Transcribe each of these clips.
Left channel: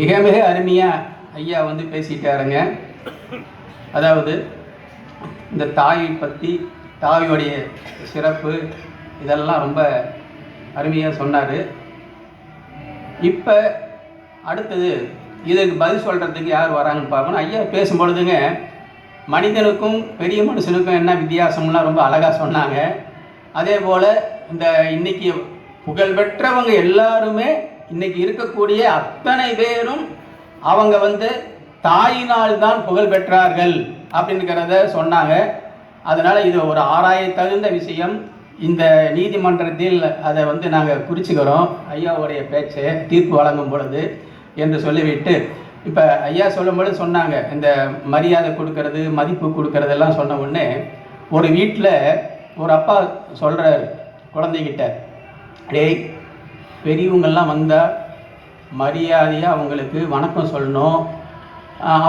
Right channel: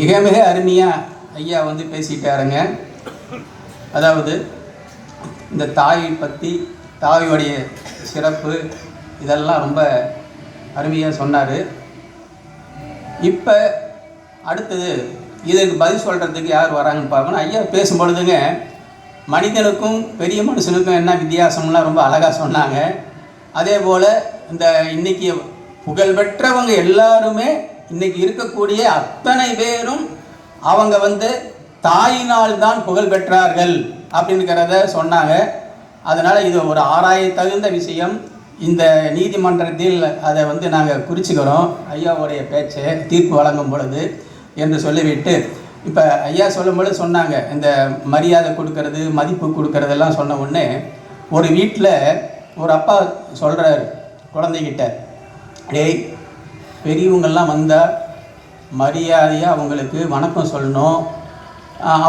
மிக மிக அருமையாக ஐயா வந்து பேசிட்டாருங்க. அதாவது இந்த தாயை பற்றி, தாயுடைய சிறப்பு இதெல்லாம் ரொம்ப அருமையாக சொன்னார். இப்போ அடுத்தது இதற்கு பதில் சொல்கிறதுக்கு யார் வராங்கன்னு பார்க்கணும். ஐயா பேசும்பொழுதுங்க மனிதனுக்கும் பெரிய மனுஷனுக்கும் என்ன வித்தியாசம்லாம் ரொம்ப அழகாக சொன்னாங்க. அதே போல் இந்த இன்றைக்கி புகழ்பெற்றவங்க எல்லாருமே இன்றைக்கி இருக்கக்கூடிய அத்தனை பேரும் அவங்க வந்து தாயினால் தான் புகழ் பெற்றார்கள் அப்படிங்கிறத சொன்னாங்க. அதனால் இது ஒரு ஆராய தகுந்த விஷயம். இந்த நீதிமன்றத்தில் அதை வந்து நாங்கள் குறிச்சிக்கிறோம் ஐயாவுடைய பேச்சை தீர்ப்பு வழங்கும் பொழுது என்று சொல்லிவிட்டு, இப்போ ஐயா சொல்லும்பொழுது சொன்னாங்க இந்த மரியாதை கொடுக்கறது, மதிப்பு கொடுக்கறதெல்லாம் சொன்ன உடனே ஒரு வீட்டில் ஒரு அப்பா சொல்கிறார் குழந்தைகிட்ட, டேய் பெரியவங்கள்லாம் வந்தால் மரியாதையாக அவங்களுக்கு வணக்கம் சொல்லணும்,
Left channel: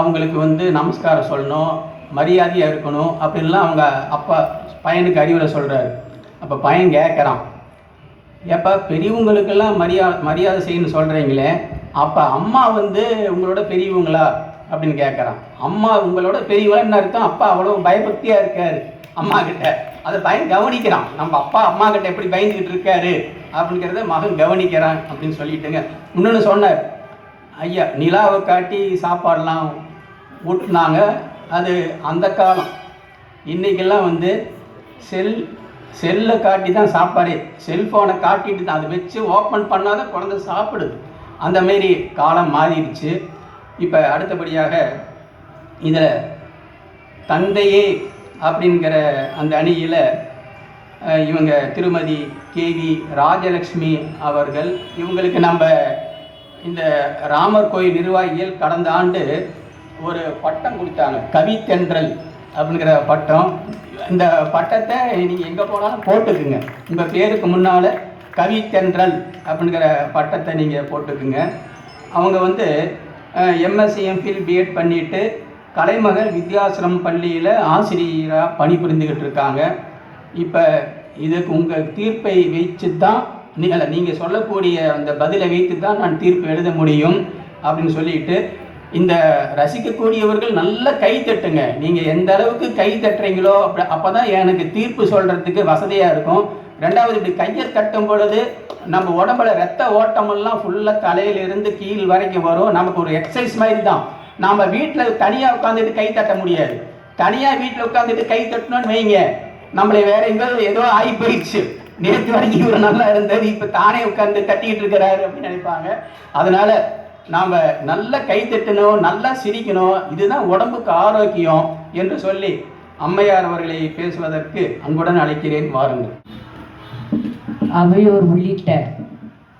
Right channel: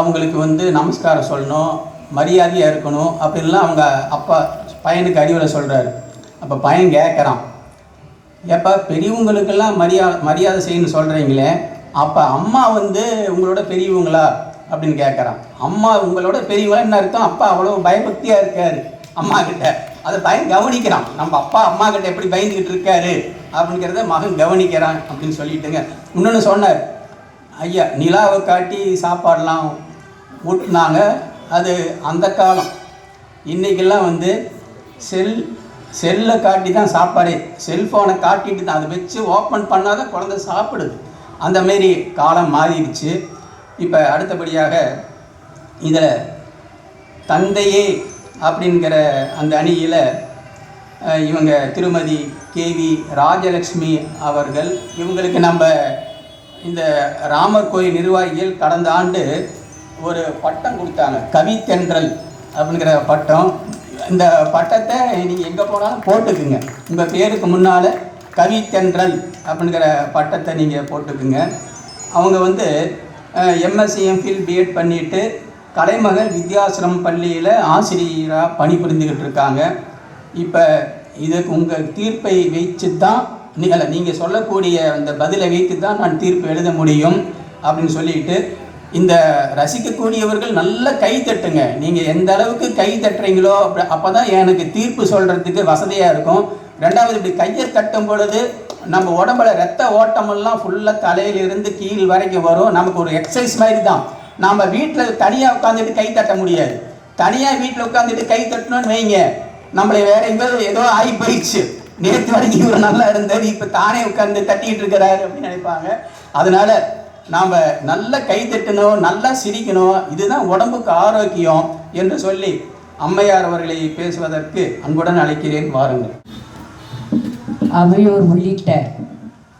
அவங்களுக்கு வந்து நமஸ்காரம் சொல்லணும், மரியாதையாக இருக்கணும் அப்படின்லாம் அவங்க அப்பா பையனுக்கு அறிவுரை சொல்கிறாரு. அப்போ பையன் கேட்குறான், ஏப்பா பெரியவங்களுக்கெல்லாம் மரியாதை செய்யணும்னு சொல்கிறீங்களே, அப்போ அம்மா வந்து உங்களோட பெரியவங்களா அப்படின்னு கேட்குறான். அம்மா உங்களோட பெரியவங்கன்னு அர்த்தம். அப்பா அவ்வளோ பயபக்தியாக இருக்கார் அம்மா கிட்ட. அதை பையன் கவனிக்கிறான், நம்ம அப்பா அம்மா கிட்ட எப்படி பயந்துக்கிட்டு இருக்காரு அப்படிங்கிறத மகன் கவனிக்கிறான் அப்படின்னு சொல்லிட்டுங்க. இன்னொன்று சொன்னார் ஐயா, நிலாவை காட்டி சாப்பாடெலாம் ஊட்டினாங்க. அது அந்த காலம். இன்றைக்கெல்லாம் வந்து செல்லை காட்டி தான் சாப்பாடே, செல்ஃபோனை காட்டிட்டு தான் அதை வச்சு ஓப்பன் பண்ணாத குழந்தை சாப்பிடுது. அந்தமாரி காலம் மாறிடுச்சு. இப்போ அடுத்தபடியாக இதில் தந்தையே அப்படிங்கிற அந்த அணியில் இவங்க திருமதி கேவி ராஜலக்ஷ்மி அவர்கள், இவங்களுக்கு நம்ம இந்த ராமர் கோயில் நிர்வாகிகள் கடந்த ஆண்டு ஒரு பட்டம் கொடுத்தாங்க, கவித்தென்றல் அப்படிங்கிற பட்டம். இந்த பட்டத்தை நீங்கள் எங்கே போனாலும் போட்டுக்குங்க, உங்கள் பேருக்கு முன்னால் கவித்தென்றல் அப்படிங்கிற பட்டத்தை நீங்கள் போட்டுக்குங்க. அவங்க வந்து எம்எஸ்சி எம்ஃபில் பிஎட் பண்ணிவிட்டு கலைமகள் வித்யாசிரம் பள்ளியில் ஆசிரியராக பணிபுரிந்துக்கிட்டு இருக்காங்க. இப்போ இதுக்கு உங்கள் தீர்ப்பை வைத்து தான் நீங்கள் சொல்லக்கூடிய அந்த பதிலை வைத்து தான் நான் தீர்ப்பு எழுத முடியும் அப்படின்னு சொல்லிட்டு, இந்த ரசிக்கக்கூடியவர்கள் நல்ல கை தட்டுங்க. நீங்கள் எந்த அளவுக்கு கை தட்டுறீங்களோ அப்போ தான் எனக்கு தீர்ப்பு சொல்கிறதுக்கு வசதியாக இருக்கும். ரெண்டாவது, இப்படி கையை தட்டும் பொழுது நம்ம உடம்புல ரத்த ஓட்டமெல்லாம் ஃபுல்லாக தலையிலிருந்து கீழ் வரைக்கும் வரும். நமக்கு ஒரு எக்ஸசைஸ் மாதிரி தான். நாம் வீட்டில் தனியாக உட்காந்துட்டு கை தட்ட முடியாது. தனியாக வீட்டில் உட்காந்துட்டு கை தட்டணும்னு வைங்க, நம்மளை வேற எங்கேயாவது ஏதோ ஆகி போயிடுச்சு, நேற்று வரைக்கும் இவர் நல்லா இருந்தது இப்போ தானே உட்காந்து தட்டிக்கிட்டு இருக்கிறாரு அப்படின்னு நினைப்பாங்க. அதனால் நாம் நல்லா கை தட்டணும், நல்லா சிரிக்கணும், இதுதான் உடம்புக்கு ஆரோக்கியம் என்று சொல்லி அம்மையார் அவர்களை பேசுவதற்கு அன்புடன் அழைக்கிறேன், வாருங்கள். அவையோர் உள்ளிட்ட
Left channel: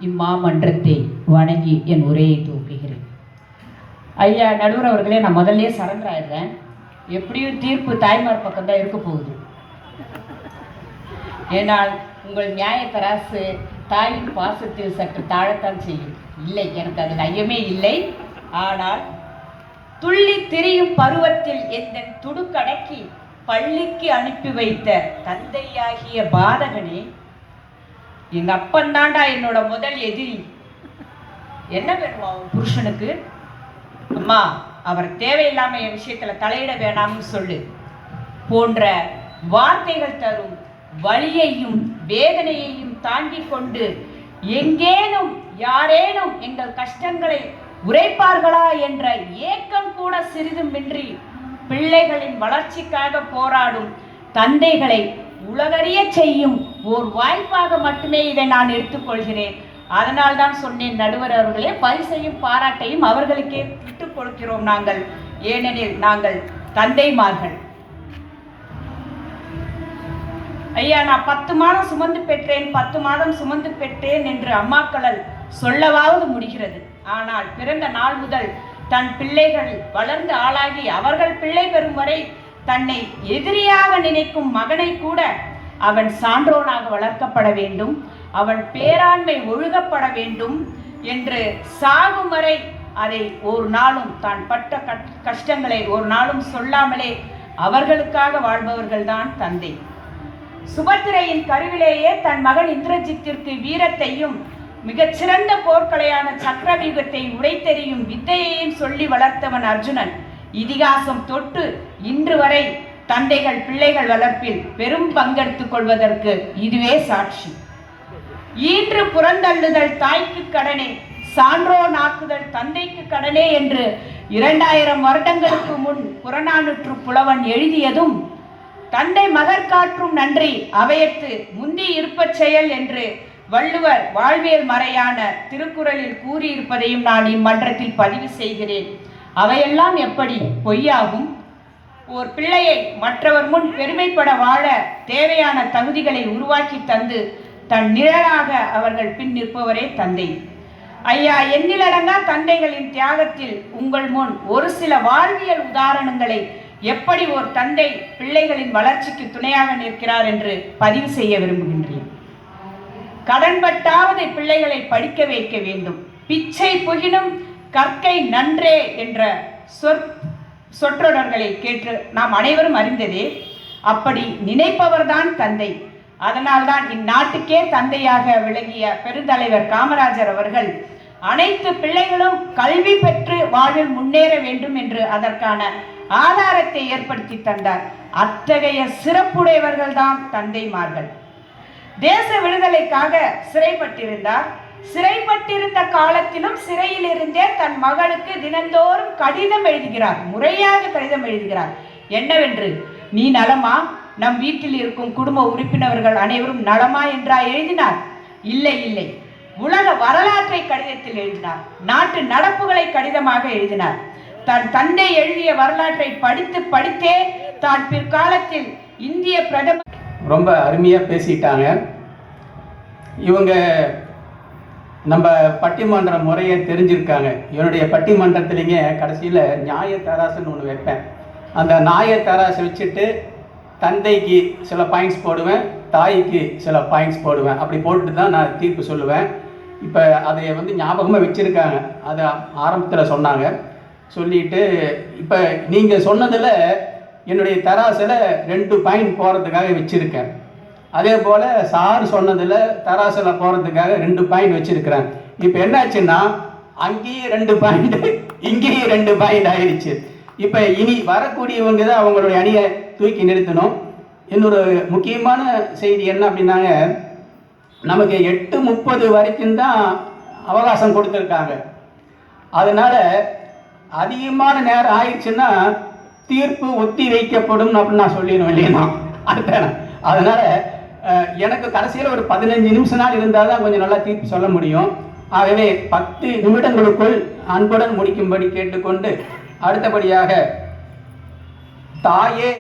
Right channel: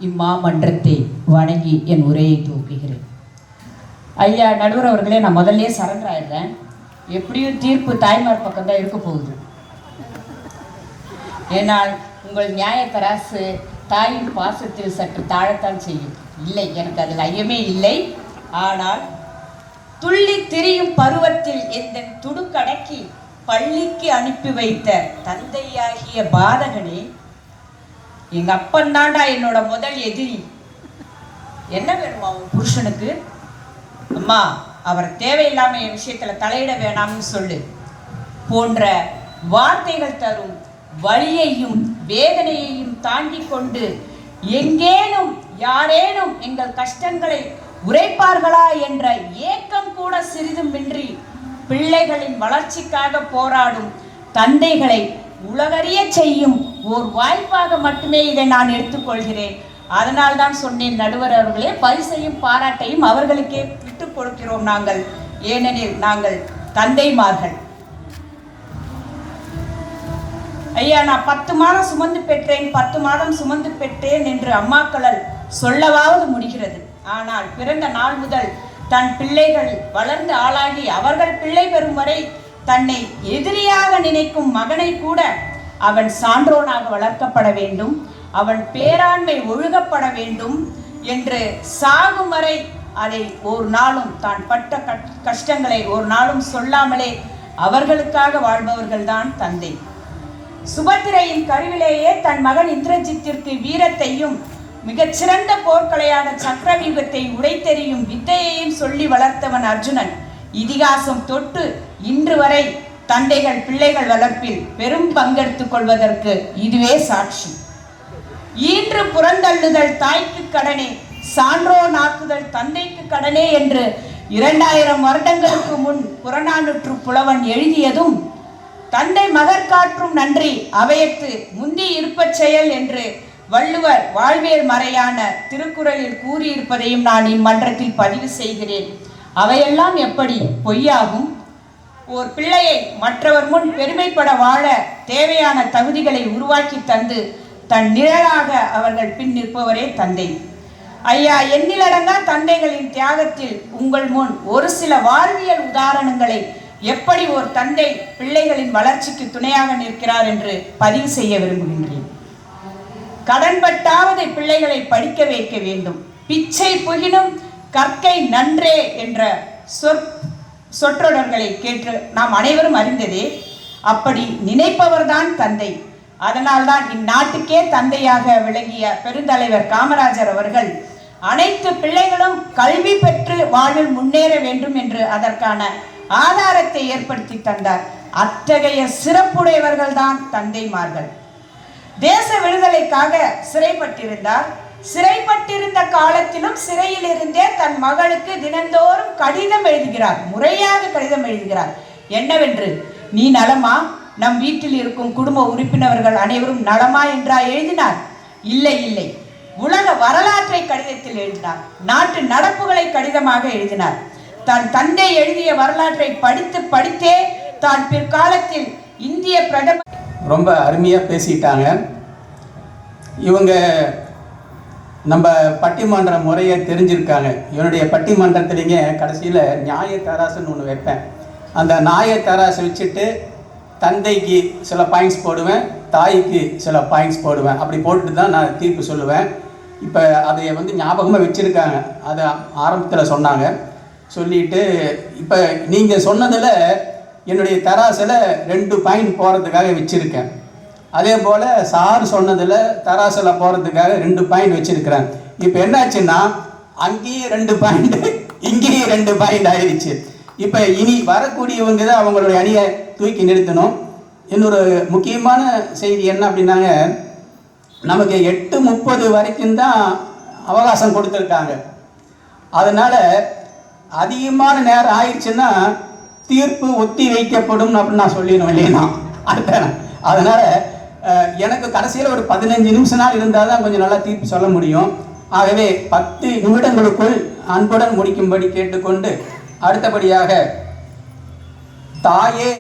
இம்மாமன்றத்தை வணங்கி என் உரையை துவக்குகிறேன். ஐயா நடுவர் அவர்களே, நான் முதல்ல சரண்டர் ஆயிடுறேன். எப்படியும் தீர்ப்பு தாய்மார் பக்கம் தான் இருக்க போகுது. ஏனால் உங்கள் நியாய தராசு தாயின் பாசத்தில் சற்று தாழத்தான் செய்யும். இல்லை, எனக்கு அதில் ஐயமே இல்லை. ஆனால் துள்ளி திரியும் பருவத்தில் எந்த துடுக்கடக்கி பள்ளிக்கு அனுப்பி வைத்த தந்தையாகிய பாதகனே, எங்க அப்பன் தாண்டா என்னோட முதல் எதிரி. என்ன வேணுமா அவன் புருஷனுக்கு? அம்மா, அவர் தேவையில்லாம என் விஷயத்துல தலையிட வேணாம்னு சொல்லு போன்ற வார்த்தைகள் தரும் வலியையும் வேதனையையும் தாண்டி கொண்டு எங்கேனும் யாரேனும் எங்கள் கஷ்டங்களை உரைப்பார்களா என்ற ஏக்கம் கூட சிறிதுமின்றி பிள்ளைகளின் வளர்ச்சிக்காக போராடும் தந்தைகளை உலகறிய செய்யும் ஓர் வாய்ப்பாக மட்டுமே இதை நான் எடுத்துக்கொள்கிறேன். அதனால் தான் சொன்னேன் நடுவர் அவர்களே, பரிசையும் பாராட்டையும் அவர்களுக்கே விட்டுக் கொடுக்கிறோம் நாங்கள். ஏனெனில் நாங்கள் தந்தைமார்கள். ஐயா, நான் 10 மாதம் சுமந்து பெற்றேன், 10 மாதம் சுமந்து பெற்றேன் என்று அம்மாக்களால் சொல்லவாவது முடிகிறது. ஆனால் பிறந்த நாள் முதல் தன் பிள்ளைகள் வளர்ந்து ஆளாகி அவர்கள் பிள்ளை பெறும் வரை தன்னை எதிரியாக நினைக்கும் மகனை கூட அவன் சான்றோனாக வளர்க்கப்பட வேண்டும், அவன் பேராண்மை ஒழுகப்பட வேண்டும் என்று சாகும் வரை அதை ஒரு நாளும் தான் பட்ட கஷ்டங்களை ஒரு நாளும் சொல்லாமலே அவர்களுக்காக வாழ்பவர்கள் தான் தந்தை. சுபத்திரையின் கருவிலேயே தன் மகன் இந்திரஜித்திற்கு வீரத்தையும் மிகச்சிறந்த போர்க்கலையான சக்கரவியூகத்தை உடைத்தெறியும் வித்தையையும் சொல்லி வளர்த்தவன் அர்ஜுனன். இதிகாசம் தொட்டு இன்று வரை தந்தைகள் பிள்ளைகள் வளர்ப்பில் பெரும் பங்கெடுத்துக் கொள்வதற்கு இதுவே சாட்சி. ஈன்று புறந்தள்ளுதல் தாய்க்கு கடனே, சான்றோனாக்குதல் தந்தைக்கு கடனே என்று 2000 வருடங்களுக்கு முன் புறநானூற்று புலவன் எழுதியதும், தந்தை மகற்காற்றும் நன்றி அவையத்து முந்தி இருப்பச் செயல் என்று வள்ளுவர் வாழ்வியல் மறையான திருக்குறளில் கூறியிருப்பதையும் நான் இம்மன்றத்தில் பதிவு செய்கிறேன். அவையெல்லாம் எப்படி பொய்யாகும்? ஓர் பிள்ளையை மற்றவர் முன் பெருமைப்பட வாழ தேவையான தகுதிகளை உருவாக்கி தந்து தன் நிழலாக அவர்கள் பின் நிற்பவரே தந்தை. ஐயா, எண்ணிலடங்கா தந்தைகளின் தியாகத்தில் உங்கள் முன் ஒரு சில வாழ்வியல் உதாரணங்களை எப்படி ஒரு தந்தை பிள்ளைகளின் வளர்ச்சிக்கு துணையாக நிற்கிறார் என்று பதிவு செய்ய விரும்புகின்றேன். கடன்பட்டாவது பிள்ளைகளை படிக்க வைக்க வேண்டும். பிச்சை புகினும் கற்கை நன்றே என்ற சொற்றொடர்களை கேட்டு நாம் அனைவரும் அறிந்ததே. அப்படி நினைப்பவர்தான் தந்தை. அதனால்தான் இந்நாட்டுக்கே தந்தையாக விளங்கிய பெருந்தலைவர் காமராஜர் அவர்கள் அனைத்து பிள்ளைகளும் கல்வி பெற்று வாழ்வில் முன்னேற வேண்டும் என்று அதற்கான ஆதாரத்தை ஏற்படுத்தி தந்தார். அத்தகைய சிறப்புடையவர்கள் தான் தந்தைமார்கள். தேச விடுதலைக்காக சிறைப்பட்டிருந்தார். சிறைப்பட்டிருந்த காலத்திலும் சிறையில் இருந்தே தன் மகளுக்கு தினந்தோறும் கடிதம் எழுதுகிறார். முறையாக கடிதம் எழுதுகிறார். என்னவென்று, நீ நலமா, நம் வீட்டில் இருக்கும் குடும்ப உறுப்பினர்கள் அனைவரும் நலமா என்றா எழுதினார்? இல்லை இல்லை, உலக வரலாற்றை கடிதத்தில் எழுதினார். நாட்டு நடப்புகளை கடிதமாக எழுதினார். தன் தந்தை எழுதிய வரலாற்றை படித்து படித்தே தான் பிற்காலத்தில் இந்திய பிரதமர். ரொம்ப அருமையா பேசிட்டாங்க இவங்க. நம்ம பட்டிமன்ற முறையை தெரிஞ்சிருக்காங்க. என்னுடைய பட்டிமன்றத்திலேங்க கடைசியில் நியாய தராசுன்னு ஒன்று வைப்பேன். அந்த நியாய தராசு வச்சுட்டு தந்தைக்கு சில பாயிண்ட்ஸ் போடுவேன், தாய்க்கு சில பாயிண்ட்ஸ் போடுவேன். அப்படி போட்டுட்டு தான் நான் தீர்ப்பு சொல்லுவேன். இப்போ அதை ஞாபகமாக வச்சுருக்காங்க. அதை ஆரம்பத்தில் சொன்னாங்க. சொல்லிட்டு இப்போ நீங்கள் சொன்னதில் என்னுடைய தராசில் 2 பாயிண்ட் போகிறதுக்காக வச்சுருக்கேன். அதே போல் சார் சொன்னதில் தராசில் போகிறதுக்காக 2 பாயிண்ட் வச்சுருக்கிறேன். இப்போ என்னாச்சுன்னா அங்கேயும் 2 பாயிண்ட், இங்கேயும் 2 பாயிண்ட் ஆயிடுச்சு. இப்போ இனி வரக்கூடியவங்க தான் அவங்களுடைய அணியை தூக்கி நிறுத்தணும். இன்னொரு முக்கியமான செய்தி என்ன அப்படின்னாங்க, நமக்கு 8:30 வரைக்கும் தான் அவகாசம் கொடுத்துருக்காங்க. அதனால் அதிகமான நேரம் ஆயிடுச்சுன்னா தீர்ப்பு ஒத்தி வைக்கப்படும் அப்படின்னு நான் சொல்லிடணும் இல்லையா? அதனால் எனக்கு கடைசியில் ஒரு 15 நிமிஷம் நாள் இருந்தால் தான் கொஞ்சம் நல்லா தீர்ப்பு சொல்ல முடியும். ஆகவே 10 நிமிடங்களுக்குள் அன்புடன் முடிக்கும்படி கேட்டுக்கொண்டு, அடுத்தபடியாக தாயே